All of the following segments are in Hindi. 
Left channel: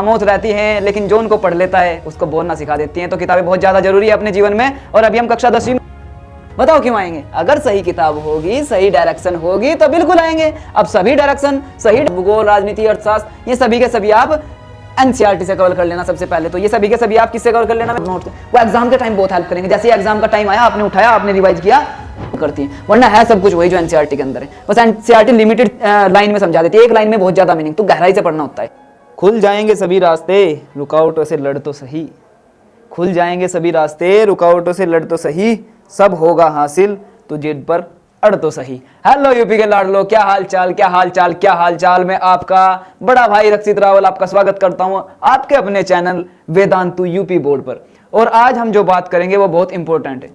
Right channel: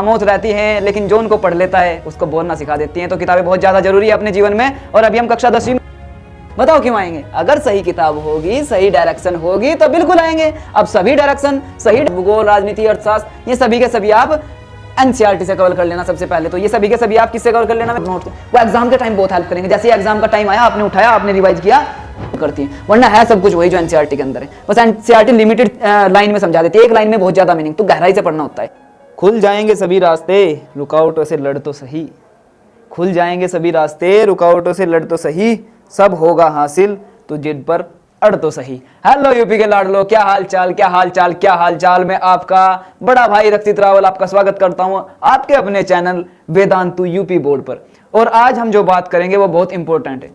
खामोश रहती हैं, लेकिन जो उनको पढ़ लेता है उसको बोलना सिखा देती हैं। तो किताबें बहुत ज्यादा जरूरी है अपने जीवन में। और अभी हम कक्षा 10वीं में, बताओ क्यों आएंगे? अगर सही किताब होगी, सही डायरेक्शन होगी तो बिल्कुल आएंगे। अब सभी डायरेक्शन सही, भूगोल, राजनीति, अर्थशास्त्र, ये सभी के सभी आप एनसीईआरटी से कवर कर लेना। सबसे पहले तो ये सभी के सभी आप किससे कवर कर लेना? नोट से। वो एग्जाम के टाइम बहुत हेल्प करेंगे। जैसे एग्जाम का टाइम आया, आपने उठाया, आपने रिवाइज किया, करती है। वरना है सब कुछ वही जो एनसीईआरटी के अंदर है। बस एनसीईआरटी लिमिटेड लाइन में समझा देती है, एक लाइन में बहुत ज्यादा मीनिंग, तो गहराई से पढ़ना होता है। खुल जाएंगे सभी रास्ते, रुकावटों से लड़ तो सही। खुल जाएंगे सभी रास्ते, रुकावटों से लड़ तो सही, सब होगा हासिल तो जिद पर अड़ तो सही। हेलो यूपी के लाडलो, क्या हाल चाल, क्या हाल चाल, क्या हाल चाल। मैं आपका बड़ा भाई रक्षित रावल आपका स्वागत करता हूं आपके अपने चैनल वेदांतु यूपी बोर्ड पर। और आज हम जो बात करेंगे वो बहुत इंपॉर्टेंट है।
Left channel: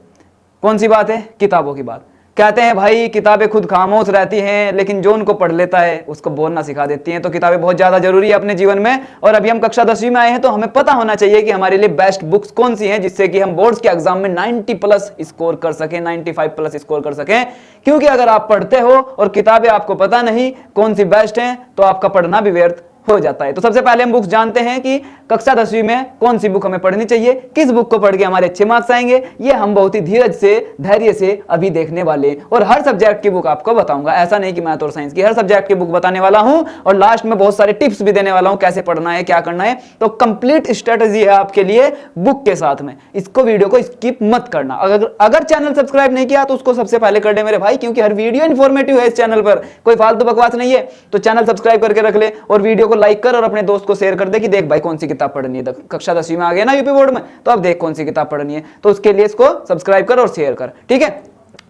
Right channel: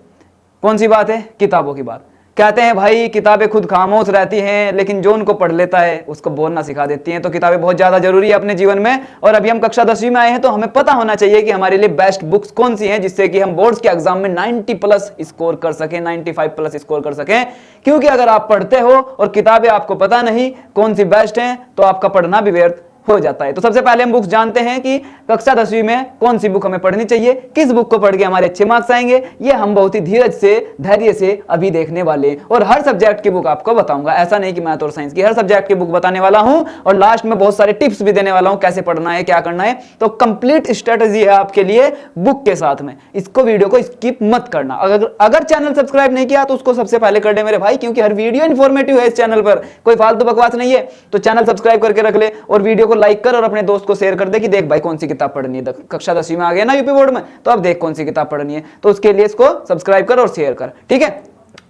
कौन सी बात है? किताबों की बात। कहते हैं भाई किताबें खुद खामोश रहती हैं, लेकिन जो उनको पढ़ लेता है उसको बोलना सिखा देती हैं। तो किताबें बहुत ज्यादा जरूरी है अपने जीवन में। और अभी हम कक्षा 10वीं में आए हैं तो हमें पता होना चाहिए कि हमारे लिए बेस्ट बुक्स कौन सी हैं, जिससे कि हम बोर्ड्स के एग्जाम में 90+ स्कोर कर सकें, 95+ स्कोर कर सकें। क्योंकि अगर आप पढ़ते हो और किताबें आपको पता नहीं कौन सी बेस्ट है तो आपका पढ़ना भी व्यर्थ हो जाता है। तो सबसे पहले हम बुक्स जानते हैं कि कक्षा 10वीं में कौन सी बुक हमें पढ़नी चाहिए, किस बुक को पढ़ के हमारे अच्छे मार्क्स आएंगे, ये हम बहुत ही धीरज से, धैर्य से अभी देखने वाले। और हर सब्जेक्ट की बुक आपको बताऊंगा, ऐसा नहीं कि मैथ और साइंस की, हर सब्जेक्ट की बुक बताने वाला हूं। और लास्ट में बहुत सारे टिप्स भी देने वाला हूं, कैसे पढ़ना है, क्या करना है। तो कंप्लीट स्ट्रेटेजी है आपके लिए बुक के साथ में। इसको वीडियो को स्किप मत करना। अगर चैनल सब्सक्राइब नहीं किया तो उसको सबसे पहले कर दे मेरे भाई, क्योंकि हर वीडियो इन्फॉर्मेटिव है इस चैनल पर, कोई फालतू बकवास नहीं है। तो चैनल सब्सक्राइब करके रख ले और वीडियो को लाइक कर और अपने दोस्त को शेयर कर दे कि देख भाई कौन सी किताब पढ़नी है। कक्षा 10वीं में आ गया ना यूपी बोर्ड में, तो अब देख कौन सी किताब पढ़नी है। तो उसके लिए इसको सब्सक्राइब कर और शेयर कर, ठीक है।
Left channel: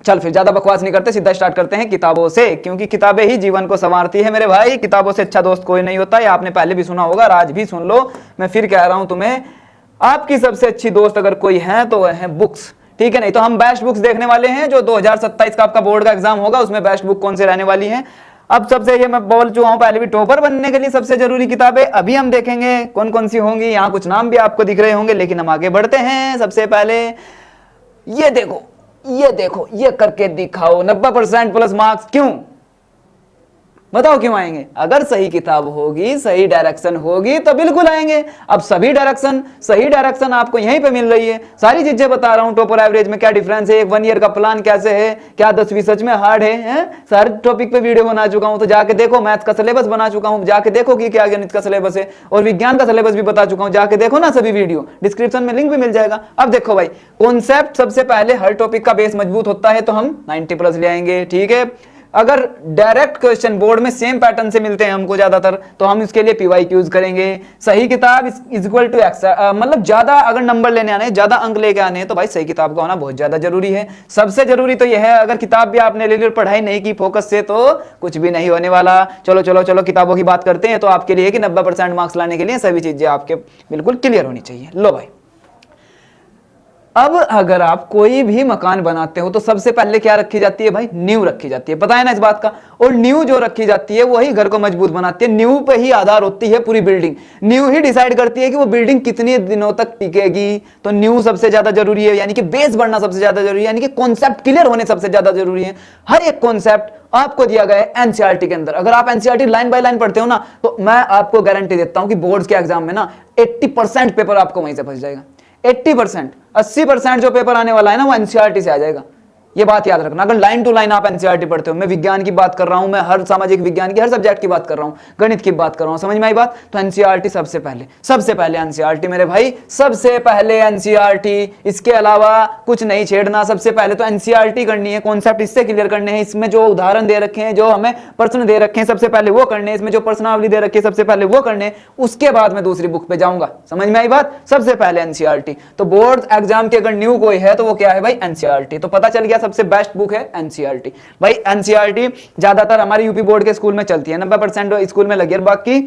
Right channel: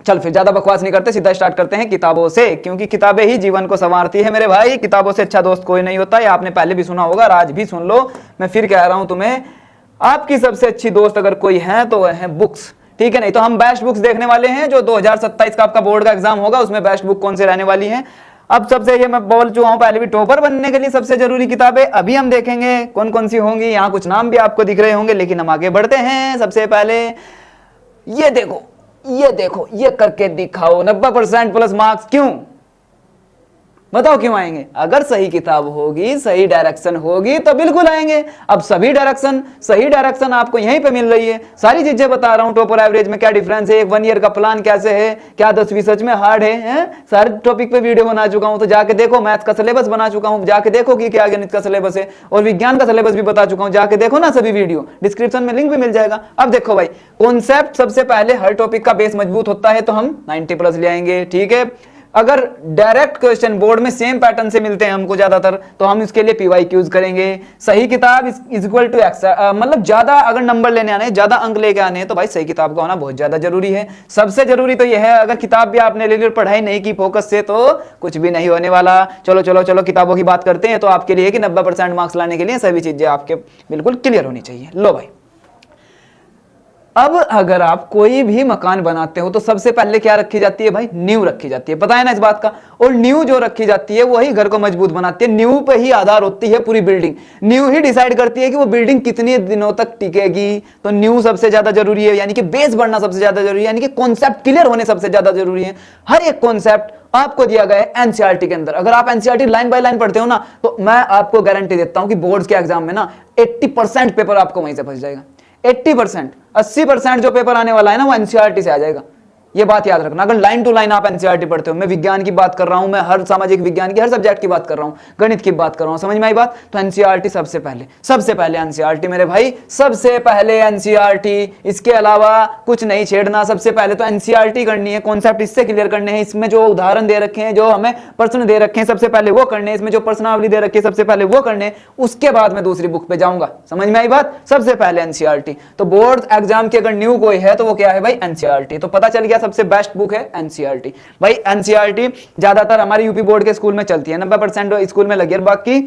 चल फिर ज्यादा बकवास नहीं करते, सीधा स्टार्ट करते हैं किताबों से, क्योंकि किताबें ही जीवन को संवारती है मेरे भाई। किताबों से अच्छा दोस्त कोई नहीं होता, ये आपने पहले भी सुना होगा, आज भी सुन लो। मैं फिर कह रहा हूं तुम्हें, आपकी सबसे अच्छी दोस्त अगर कोई है तो वह है बुक्स, ठीक है। नहीं तो हम बेस्ट बुक्स देखने वाले हैं जो 2027 का आपका बोर्ड का एग्जाम होगा, उसमें बेस्ट बुक कौन से रहने वाली है। अब सबसे ये मैं बोल चुका हूं पहले भी, टॉपर बनने के लिए सबसे जरूरी किताबें अभी हम देखेंगे कौन कौन सी होंगी। यहाँ कुछ नाम भी आपको दिख रहे होंगे, लेकिन हम आगे बढ़ते हैं। सबसे पहले ये देखो, ये देखो, ये करके दिखाओ 90% प्लस मार्क्स। क्यों बताओ क्यों आएंगे? अगर सही किताब होगी, सही डायरेक्शन होगी तो बिल्कुल आएंगे। अब सभी डायरेक्शन, सही डायरेक्शन आपको यहीं पे मिल रही है। सारी चीजें बता रहा हूं, टॉपर एवरेज में क्या डिफरेंस है, 1 ईयर का प्लान कैसे है, क्या 10वीं सच में हार्ड है? हर टॉपिक पे वीडियो बना चुका हूं, तो जाके देखो। मैथ का सिलेबस बना चुका हूं, जाके देखो कि क्या गणित का सिलेबस है, और विज्ञान का सिलेबस भी बता चुका हूं, जाके देखो ना सभी वीडियो, डिस्क्रिप्शन में लिंक भी मिल जाएगा। अब देखो भाई, कॉन्सेप्ट सबसे पहले, हर टॉपिक का बेस मजबूत होता है तो हम 90+ ले आएंगे, ठीक है। अगर डायरेक्ट क्वेश्चन बोर्ड में सेम पैटर्न से मिलते हैं हमको ज्यादातर, तो हम इसके लिए पीवाई यूज करेंगे। सही किताब इज इक्वल टू एक्स, मतलब ज्यादा अगर नंबर लेने आने, ज्यादा अंक लेके आने हैं, तो भाई सही किताब का होना बहुत ज्यादा जरूरी है। सबसे जरूरी तो यह है, अगर किताब भी आपने ले ली और पढ़ाई नहीं की फोकस से, तो कुछ भी नहीं होने वाला। चलो चलो चलो किताबों की बात करते हैं। तो आपके लिए कि 90% मार्क्स लाने के लिए सभी चीजें आपके बिल्कुल क्लियर होनी चाहिए। लो भाई, अब अगर आप कोई भी मकान बनाते हो तो सबसे पहले क्या रखी जाती है भाई? नींव रखी जाती है, पता है ना इस बात का। और नींव जो रखी जाती है वही घर को मजबूत बनाती है। नींव पे ही आधार होती है पूरी बिल्डिंग। नींव ही डिसाइड करती है कि वो बिल्डिंग कितने दिनों तक टिकेगी। तो नींव सबसे ज्यादा जरूरी है, यानी कि बेस बढ़ना सबसे ज्यादा जरूरी है, यानी कि कॉन्सेप्ट क्लियर होने सबसे ज्यादा जरूरी है। हर एक कॉन्सेप्ट आपको दिया गया है एनसीईआरटी के अंदर। अगर आप एनसीईआरटी लाइन बाय लाइन पढ़ते हो ना, तो मैं आपको गारंटी देता हूं कि बोर्ड्स के एग्जाम में ना 80% पेपर आपको वहीं से फंस जाएगा। 80%, 80% जो पेपर आने वाला है ना, वो एनसीईआरटी से आ जाएगा। ये बात याद रखना। अगर लाइन टू लाइन आप एनसीईआरटी पढ़ते हो, मैं विज्ञान की बात कर रहा हूं, मैं हर सामाजिक विज्ञान की हर सब्जेक्ट की बात कर रहा हूं, गणित की बात कर रहा हूं, समझ में आई बात? तो एनसीईआरटी सबसे पहले एनसीईआरटी मेरे भाई, सबसे पहले एनसीईआरटी। इसके अलावा कुछ नहीं छेड़ना। सबसे पहले तो एनसीईआरटी करनी है, कॉन्सेप्ट इससे क्लियर करने हैं। इसमें जो उदाहरण दे रखे हैं, जो हमें प्रश्न दे रखे हैं, सबसे पहले वो करने हैं। इसमें जो प्रश्नावली दे रखी है, सबसे पहले वो करने हैं। उसके बाद मैं दूसरी बुक पे जाऊंगा। समझ में आई बात? सबसे पहले एनसीईआरटी। तो बोर्ड एग्जाम की अगर न्यू कोई है तो वो क्या है भाई? एनसीईआरटी। तो पता चल गया सबसे बेस्ट बुक है एनसीईआरटी। भाई एनसीईआरटी ज्यादातर हमारे यूपी बोर्ड के स्कूल में चलती है, 90% स्कूल में लगी है। बाकी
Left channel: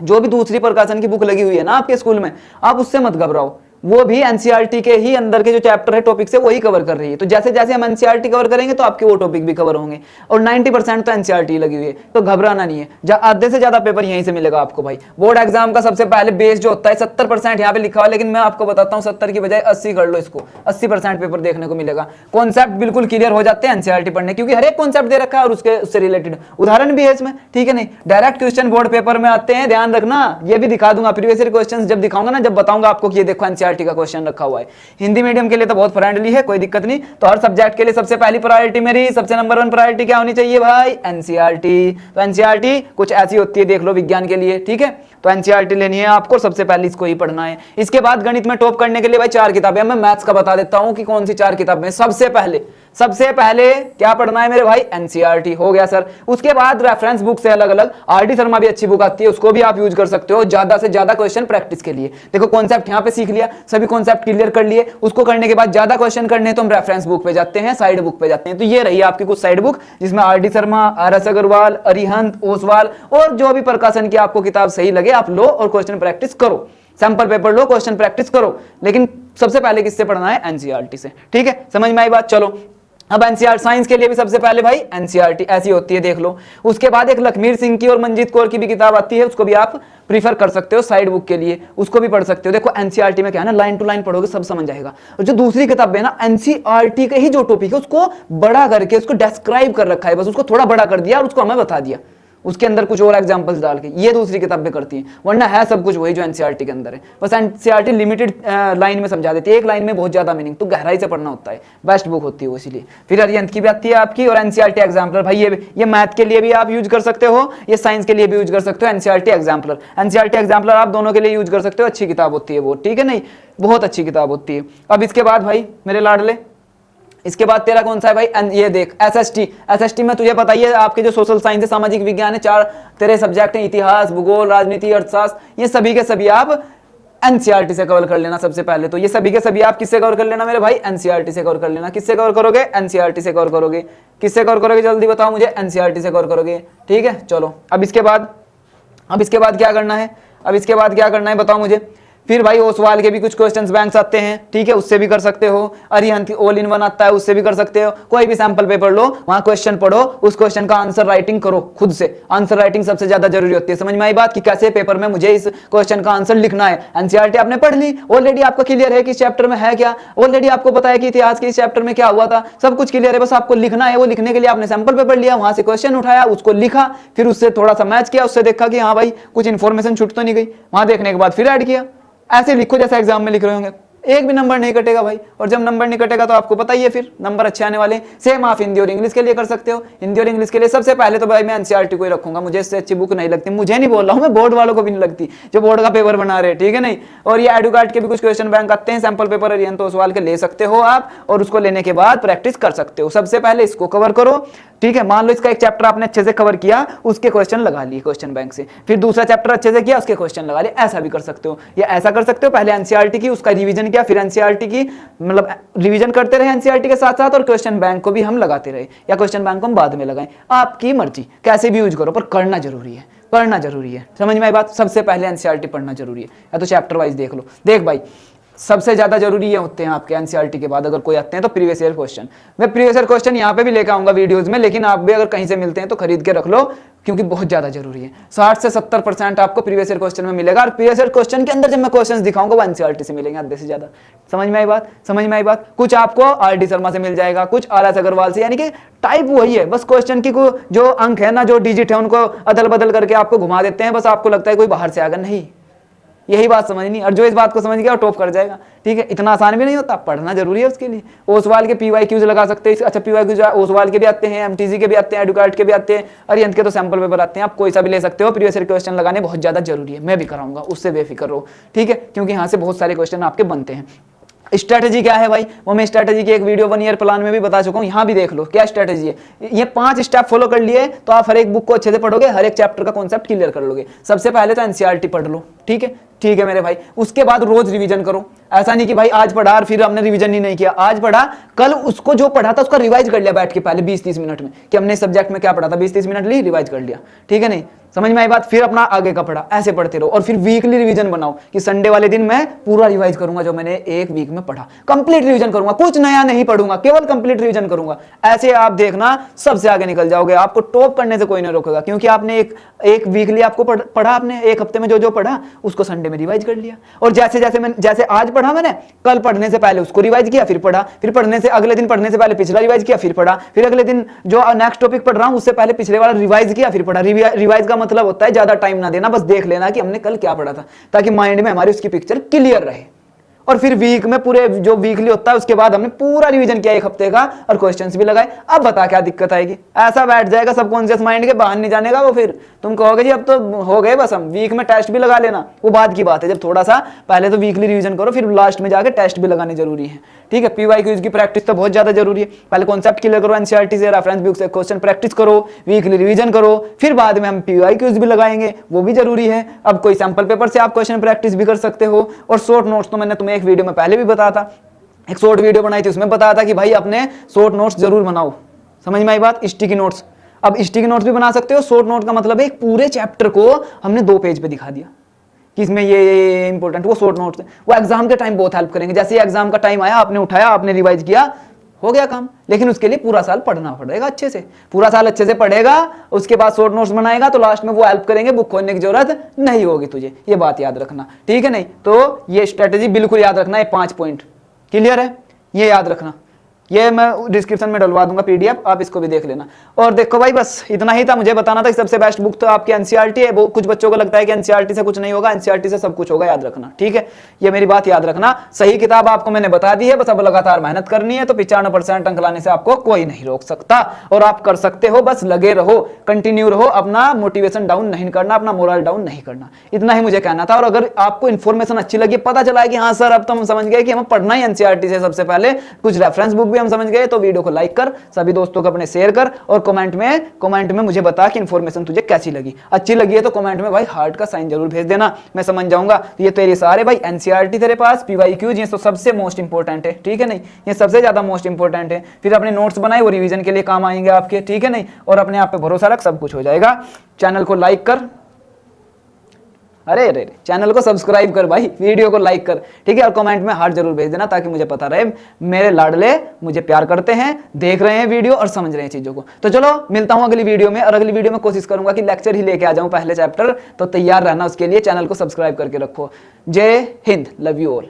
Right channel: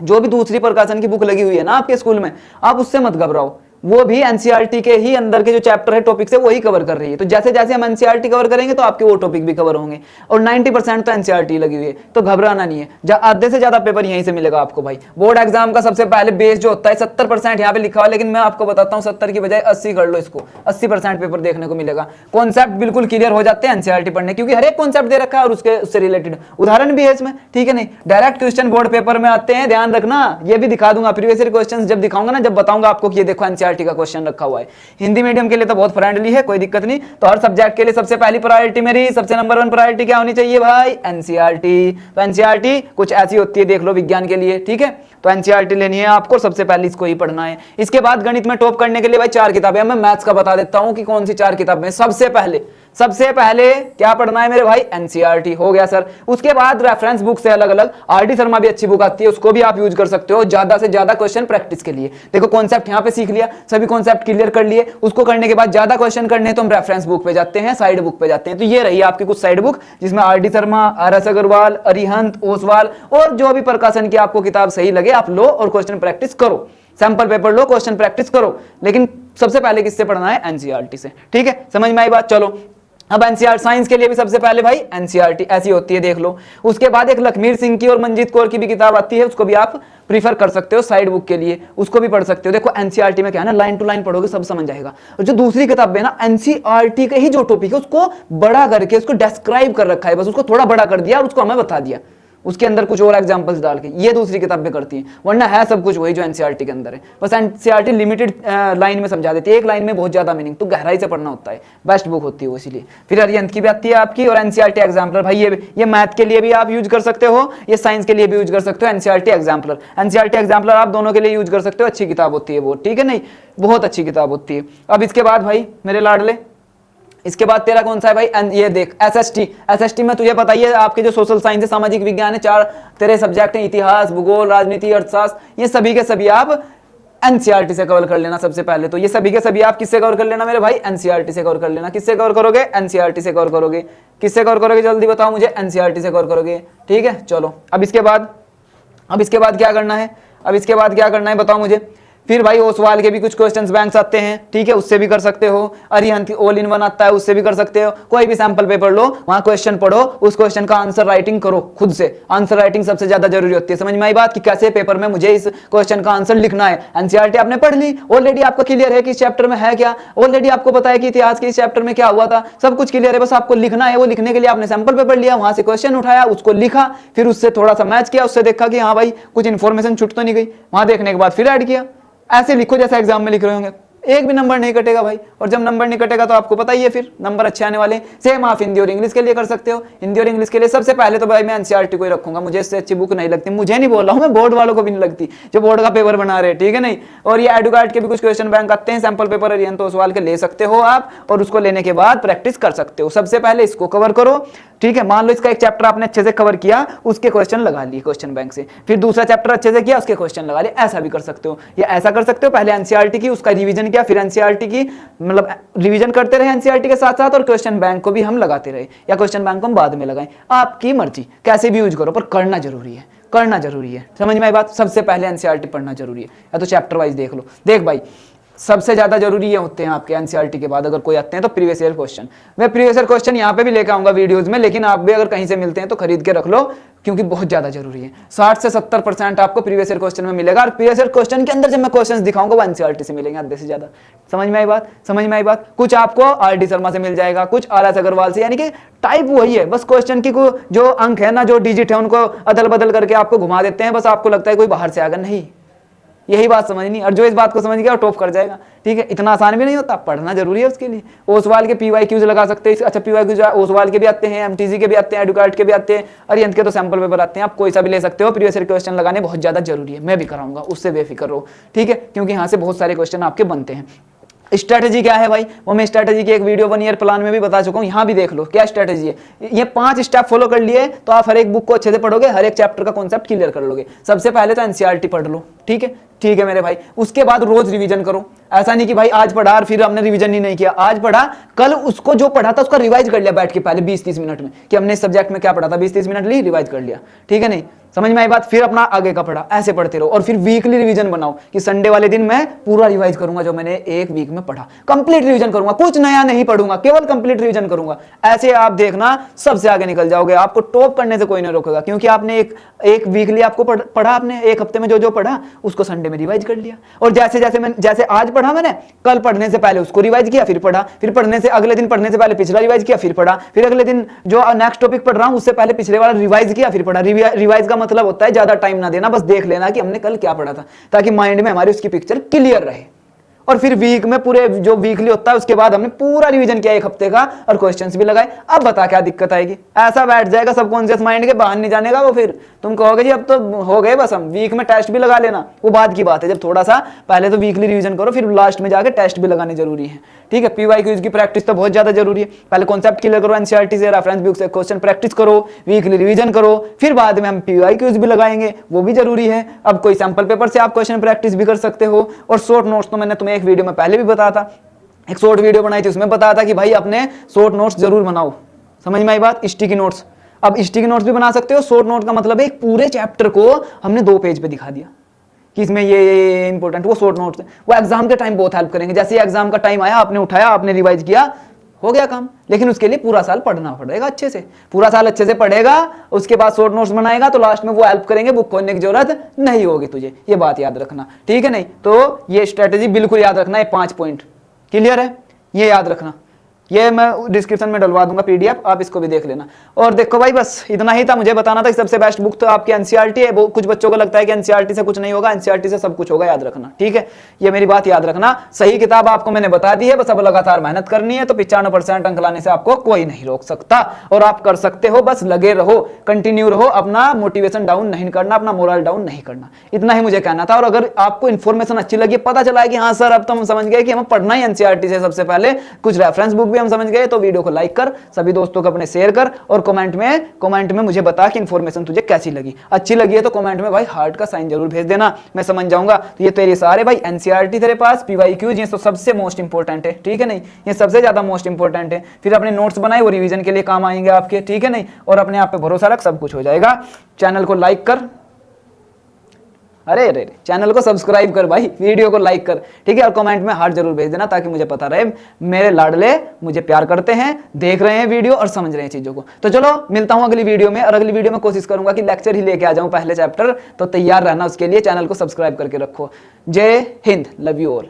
जो भी दूसरी प्रकाशन की बुक लगी हुई है ना आपके स्कूल में, आप उससे मत घबराओ। वो भी एनसीईआरटी के ही अंदर के जो चैप्टर है टॉपिक से वही कवर कर रही है। तो जैसे जैसे हम एनसीईआरटी कवर करेंगे तो आपके वो टॉपिक भी कवर होंगे, और 90% तो एनसीईआरटी लगी हुई है, तो घबराना नहीं है। आधे से ज्यादा पेपर यहीं से मिलेगा आपको भाई। बोर्ड एग्जाम का सबसे पहले बेस जो होता है 70% यहाँ पे लिखा हुआ है, लेकिन मैं आपको बताता हूँ 70 की बजाय 80 कर लो इसको, 80% पेपर देखने को मिलेगा। कॉन्सेप्ट बिल्कुल क्लियर हो जाते हैं एनसीईआरटी पढ़ने, क्योंकि हर एक कॉन्सेप्ट दे रखा है और उससे रिलेटेड उदाहरण भी है इसमें, ठीक है नहीं। डायरेक्ट क्वेश्चन बोर्ड पेपर में आते हैं, ध्यान रखना, ये भी दिखा दूंगा प्रीवियस ईयर क्वेश्चन जब दिखाऊंगा ना, जब बताऊंगा आपको कि ये देखो एनसीईआरटी का क्वेश्चन रखा हुआ है। हिंदी मीडियम के लिए तो बहुत फ्रेंडली है, कोई दिक्कत नहीं। तो हर सब्जेक्ट के लिए सबसे पहली प्रायोरिटी मेरी, सबसे नंबर 1 प्रायोरिटी क्या होनी चाहिए भाई? एनसीईआरटी। तो एनसीईआरटी कुछ ऐसी होती है, देख लो विज्ञान के लिए, ठीक है। तो एनसीईआरटी लेनी है आपको, सबसे पहले इसको ही पढ़ना है। इसके बाद गणित में टॉप करने के लिए भाई 4 किताबें, मैं मैथ्स का बता देता हूं कि कौन सी 4 किताबें। सबसे पहले क्या पढ़ना है मेरे भाई? एनसीईआरटी हो गया सर। उसके बाद रेफरेंस बुक से अलग अलग आरडी शर्मा भी अच्छी बुक आती है, उसको भी आप यूज कर सकते हो ज्यादा से ज्यादा क्वेश्चन प्रैक्टिस के लिए। देखो कॉन्सेप्ट यहाँ पे सीख लिया, सभी कॉन्सेप्ट क्लियर कर लिए, उसको करने के बाद ज्यादा क्वेश्चन करने तो हम रेफरेंस बुक पे जाते हैं, साइड बुक पे जाते हैं। तो ये रही आपकी कुछ साइड बुक, जिसमें आरडी शर्मा, आर.एस. अग्रवाल, अरिहंत, ओसवाल और जो भी प्रकाशन की आपको किताब सही लगे आप लो और क्वेश्चन प्रैक्टिस करो। सैंपल पेपर लो, क्वेश्चन प्रैक्टिस करो, लेकिन सबसे पहले किससे पढ़ना है? एनसीईआरटी से, ठीक है। समझ में आई बात? चलो अब एनसीईआरटी साइंस के लिए भी सबसे पहले भाई एनसीईआरटी ऐसी होती है, देख लो। उसके बाद एक लखमीर सिंह की और मंजीत कौर की भी किताब आती है, उसको भी आप प्रीफर कर सकते हो साइड बुक के लिए, उसको भी पढ़ सकते हो। देखो एनसीईआरटी में क्या है ना, लाइन टू लाइन पढ़ोगे सब समझ जाएगा। और जो दूसरी किताब है ना, एनसीईआरटी के ही जो टॉपिक है उसको बड़ा करके उसको डिस्क्राइब कर रखा है, बस उसको थोड़ा बड़ा कर दिया, उसको हमें बता दिया, उसके अंदर कुछ और एग्जांपल्स डाल के। ये दूसरी किताब में करती है, वरना है सब कुछ वही जो एनसीईआरटी के अंदर है। बस एनसीईआरटी लिमिटेड लाइन में समझा देती है, एक लाइन में बहुत ज्यादा मीनिंग, तो गहराई से पढ़ना होता है, बेस्ट बुक होती है वो, इसीलिए। फिर अरिहंत की भी आती है आपकी, और एनसीईआरटी एग्जाम्पलर भाई ये मैथ के लिए भी आप यूज कर सकते हो, ये साइंस के लिए भी यूज कर सकते हो। एनसीईआरटी एग्जाम्पलर आप दोनों के लिए यूज कर सकते हो, अच्छी किताब होती है वो, ठीक है नहीं, बहुत अच्छी किताब होती है। अब इसके बाद भाई मेरे लाडले, इसके बाद तेरा कौन सा है भाई? ये देख एसएसटी में तुझे पता ही है, आपके जो सोशल साइंस है, सामाजिक विज्ञान है, 4 तेरे सब्जेक्ट हैं, इतिहास, भूगोल, राजनीति, अर्थशास्त्र, ये सभी के सभी आप एनसीईआरटी से कवर कर लेना सबसे पहले। तो ये सभी के सभी आप किससे कवर कर लेना मेरे भाई? एनसीईआरटी से कवर कर लेना। किससे कवर करोगे? एनसीईआरटी से कवर करोगे। किससे कवर करोगे जल्दी बताओ मुझे? एनसीईआरटी से कवर करोगे, ठीक है। चलो अब इसके बाद क्या करना है? बताओ मुझे। फिर भाई ओसवाल के भी कुछ क्वेश्चंस बैंक्स आते हैं, ठीक है, उससे भी कर सकते हो। अरिहंत ऑल इन वन आता है, उससे भी कर सकते हो। कोई भी सैंपल पेपर लो, वहां क्वेश्चन पढ़ो, उस क्वेश्चन का आंसर राइटिंग करो खुद से। आंसर राइटिंग सबसे ज्यादा जरूरी होती है। समझ में आई बात कि कैसे पेपर में मुझे इस क्वेश्चन का आंसर लिखना है? एनसीईआरटी आपने पढ़ ली, ऑलरेडी आपको क्लियर है कि इस चैप्टर में है क्या, ऑलरेडी आपको पता है कि इतिहास के इस चैप्टर में क्या हुआ था, सब कुछ क्लियर है, बस आपको लिखना है। वो लिखने के लिए आपने सैंपल पेपर लिया, वहां से क्वेश्चन उठाया, उसको लिखा, फिर उससे थोड़ा सा मैच किया, उससे देखा कि हाँ भाई कुछ इंफॉर्मेशन छूट तो नहीं गई, वहां देखने के बाद फिर ऐड किया। ऐसे लिखो जैसे एग्जाम में लिख रहे होंगे, एक भी नंबर नहीं कटेगा भाई। और जब नंबर नहीं कटेगा तो आपको पता ही है फिर नंबर अच्छे आने वाले। सेम आप हिंदी और इंग्लिश के लिए कर सकते हो। हिंदी और इंग्लिश के लिए सबसे पहले तो भाई मैं एनसीईआरटी को ही रखूंगा, मुझे इससे अच्छी बुक नहीं लगती। मुझे नहीं बोल रहा हूं मैं, बोर्ड वालों को भी नहीं लगती जो बोर्ड का पेपर बना रहे, ठीक है नहीं। और ये एडुकार्ड के भी कुछ क्वेश्चन बैंक आते हैं, सैंपल पेपर अरिहंत ओसवाल के ले सकते हो आप, और उसको लेने के बाद प्रैक्टिस कर सकते हो। सबसे पहले इसको कवर करो, ठीक है। मान लो इसका एक चैप्टर आपने अच्छे से कवर किया, उसके क्वेश्चन लगा लिए क्वेश्चन बैंक से, फिर दूसरा चैप्टर अच्छे से किया, उसके क्वेश्चन लगा लिए, ऐसा भी कर सकते हो। या ऐसा कर सकते हो, पहले एनसीईआरटी की उसका रिवीजन किया, फिर एनसीईआरटी की मतलब रिवीजन करते रहे एनसीईआरटी के साथ साथ, और क्वेश्चन बैंक को भी हम लगाते रहे, या क्वेश्चन बैंक को हम बाद में लगाएं, आपकी मर्जी, कैसे भी यूज करो, पर करना जरूरी है। समझ में आई बात? सबसे पहले एनसीईआरटी पढ़ना जरूरी है, या तो चैप्टर वाइज देख लो। देख भाई सबसे ज्यादा जरूरी ये होते हैं आपके एनसीईआरटी के बाद अगर कोई आते हैं तो प्रीवियस ईयर क्वेश्चन। मैं प्रीवियस ईयर क्वेश्चन यहाँ पे भी लेकर आऊंगा वीडियोस में, लेकिन आप भी अगर कहीं से मिलते हैं तो खरीद के रख लो, क्योंकि बहुत ज्यादा जरूरी है। 60 से 70% आपको प्रीवियस ईयर क्वेश्चन में मिलेगा, और प्रीवियस ईयर क्वेश्चन के अंदर जब मैं क्वेश्चंस दिखाऊंगा वो एनसीईआरटी से मिलेंगे आधे से ज्यादा। समझ में आई बात? कुछ आपको आर.डी. शर्मा से मिल जाएगा, कुछ आर.एस. अग्रवाल से, यानी कि टाइप वही है, बस क्वेश्चन की जो अंक है ना, जो डिजिट है, उनको अदल बदल करके आपको घुमा देते हैं, बस आपको लगता है कोई बाहर से आएगा, नहीं, यही बात समझनी। और जो इस बात को समझ गया वो टॉप कर जाएगा, ठीक है। इतना आसान भी नहीं होता, पढ़ना जरूरी है उसके लिए। ओसवाल के पीवाईक्यूज लगा सकते हैं, अच्छा पीवाईक्यूज ओसवाल के भी आते हैं, एमटीजी के भी आते हैं, एडुकार्ड के भी आते हैं, अरिहंत के तो सैंपल पेपर आते हैं, आप कोई सा भी ले सकते हो। प्रीवियस ईयर क्वेश्चन लगाने बहुत ज्यादा जरूरी है, मैं भी कराऊंगा, उससे बेफिक्र रहो, ठीक है, क्योंकि यहाँ से बहुत सारे क्वेश्चन आपके बनते हैं। स्ट्रेटेजी क्या है भाई? वो मैं स्ट्रेटेजी की एक वीडियो 1 ईयर प्लान में भी बता चुका हूँ, यहाँ भी देख लो क्या स्ट्रेटेजी है। ये 5 स्टेप फॉलो कर लिए तो आप हर एक बुक को अच्छे से पढ़ोगे, हर एक चैप्टर का कॉन्सेप्ट क्लियर कर लोगे। सबसे पहले तो एनसीईआरटी पढ़ लो, ठीक है, ठीक है मेरे भाई। उसके बाद रोज रिवीजन करो, ऐसा नहीं कि भाई आज पढ़ा और फिर हमने रिवीजन ही नहीं किया, आज पढ़ा कल उसको जो पढ़ा था उसका रिवाइज कर लिया बैठ के पहले 20-30 मिनट में, कि हमने सब्जेक्ट में क्या पढ़ा था 20-30 मिनट ली रिवाइज कर लिया, ठीक है नहीं, समझ में आई बात। फिर अपना आगे का पढ़ा, ऐसे पढ़ते रहो। और फिर वीकली रिवीजन बनाओ कि संडे वाले दिन मैं पूरा रिवाइज करूंगा जो मैंने एक वीक में पढ़ा, कंप्लीट रिवीजन करूंगा, कुछ नया नहीं पढ़ूंगा, केवल कंप्लीट रिवीजन करूंगा। ऐसे आप देखना सबसे आगे निकल जाओगे, आपको टॉप करने से कोई नहीं रोकेगा, क्योंकि आपने एक वीकली आपको पढ़ा, आपने एक हफ्ते में जो पढ़ा उसको संडे में रिवाइज कर लिया। और जैसे आज पढ़ा मैंने, कल पढ़ने से पहले उसको रिवाइज किया, फिर पढ़ा, फिर पढ़ने से अगले दिन पढ़ने से पहले पिछला रिवाइज किया, फिर पढ़ा, फिर अगले दिन जो नेक्स्ट टॉपिक पढ़ रहा हूं उससे पहले पिछले वाला रिवाइज किया, फिर पढ़ा। रिवाइज का मतलब होता है ज्यादा टाइम ना देना, बस देख लेना कि हमने कल क्या पढ़ा था, ताकि माइंड में हमारी उसकी पिक्चर क्लियर रहे। और फिर वीक में पूरे जो वीकली होता है उसके बाद हमने पूरा रिवीजन किया एक हफ्ते का और क्वेश्चंस भी लगाए। अब बता क्या दिक्कत आएगी, ऐसा बैठ जाएगा सबकॉन्शियस माइंड के, बाहर नहीं जानेगा वो। फिर तुम कहोगे जी अब तो हो गए बस, हम वीक में टेस्ट भी लगा लेना, वो बाद की बात है। जब थोड़ा सा पहले तो वीकली रिवीजन करो, फिर लास्ट में जाके टेस्ट भी लगाने जरूरी है, ठीक है। पीवाई क्यूज की प्रैक्टिस तो बहुत ज्यादा जरूरी है, पहले कॉन्सेप्ट क्लियर करो, एनसीईआरटी से रेफरेंस बुक से क्वेश्चन प्रैक्टिस करो, वीकली रिवीजन करो, फिर बाद में हम पीवाई क्यूज भी लगाएंगे, वो भी जरूरी है। अब कोई सैंपल पेपर से आप क्वेश्चन प्रैक्टिस भी कर सकते हो। और शॉर्ट नोट्स तो मैंने तुम्हें एक वीडियो में पहले भी बताया था, एक शॉर्ट वीडियो बनाई थी, उसमें बताया था कि भाई अपने शॉर्ट नोट्स जरूर बनाओ, समझ में आई बात। स्टिकी नोट्स, अब स्टिकी नोट्स भी बना सकते हो। शॉर्ट नोट का मतलब है पूरे चैप्टर को हमने 2 पेज पे दिखा दिया कि इसमें ये इंपॉर्टेंट, वो शॉर्ट नोट्स है, वो एग्जाम के टाइम बहुत हेल्प करेंगे। जैसे एग्जाम का टाइम आया, आपने उठाया, आपने रिवाइज किया, हो गया काम। लेकिन उसके लिए पूरा साल पढ़ना पड़ेगा अच्छे से, पूरा साल अच्छे से पढ़ेगा, उसके बाद शॉर्ट नोट्स बनाएगा तो लास्ट में वो हेल्प करेंगे, बुक खोलने की जरूरत नहीं होगी तुझे, ये बात याद रखना, ठीक है नहीं। तो ये स्ट्रेटेजी बिल्कुल याद रखना, ये 5 पॉइंट क्लियर है, ये याद रखना। ये मैं डिस्क्रिप्शन में डलवा दूंगा पीडीएफ, आप इसको भी देख लेना। और देखो भाई बस इतना ही था, मुझे बताना था कि सबसे बेस्ट बुक तो आपकी एनसीईआरटी है। वो कुछ बच्चों को लगता है कि एनसीईआरटी से कुछ नहीं होगा, एनसीईआरटी से सब कुछ होगा, याद रखना, ठीक है। ये मेरी बात याद रखना, सही किताब आपको मैंने बता दी है, बस अब लगातार मेहनत करनी है, तो 95% अंक लाने से आपको कोई नहीं रोक सकता, और आप कर सकते हो। बस लगे रहो, कंटिन्यू रहो, अपना मोटिवेशन डाउन नहीं करना, अपना मोरल डाउन नहीं करना, इतना ही मुझे कहना था। और अगर आपको इन्फॉर्मेशन अच्छी लगी, पता चला है कि हाँ सर अब तो हम समझ गए कि हमें पढ़ना ही एनसीईआरटी से सबसे पहले, कुछ रेफरेंस बुक भी हम समझ गए, तो वीडियो को लाइक कर, सभी दोस्तों को अपने शेयर कर, और कमेंट में मुझे बता कि इन्फॉर्मेशन तुझे कैसी लगी। अच्छी लगी है तो कमेंट में भाई हार्ट का साइन जरूर भेज देना, मैं समझ जाऊंगा। तो ये तेरे सारे भाई एनसीईआरटी तेरे पास, पीवाईक्यूज ये तो सबसे मोस्ट इंपोर्टेंट है, ठीक है नहीं, ये सबसे ज्यादा मोस्ट इंपोर्टेंट है। फिर अपने नोट्स बनाए, वो रिवीजन के लिए काम आएंगे आपके, ठीक है नहीं। और अपने आप पे भरोसा रख, सब कुछ हो जाएगा। चैनल को लाइक कर, अरे चैनल को सब्सक्राइब कर भाई, वीडियो को लाइक कर, ठीक है। और कमेंट में हार्ट जरूर भेज देना, ताकि मुझे पता रहे मेरे लाडले मुझे प्यार करते हैं, देख रहे हैं वीडियो और समझ रहे हैं चीजों को। तो चलो मिलता हूं अगली वीडियो में, और अगली वीडियो में कोशिश करूंगा कि लेक्चर ही लेके आ जाऊं पहले चैप्टर, तो तैयार रहना उसके लिए, चैनल को सब्सक्राइब करके रखो। जय हिंद, लव यू ऑल।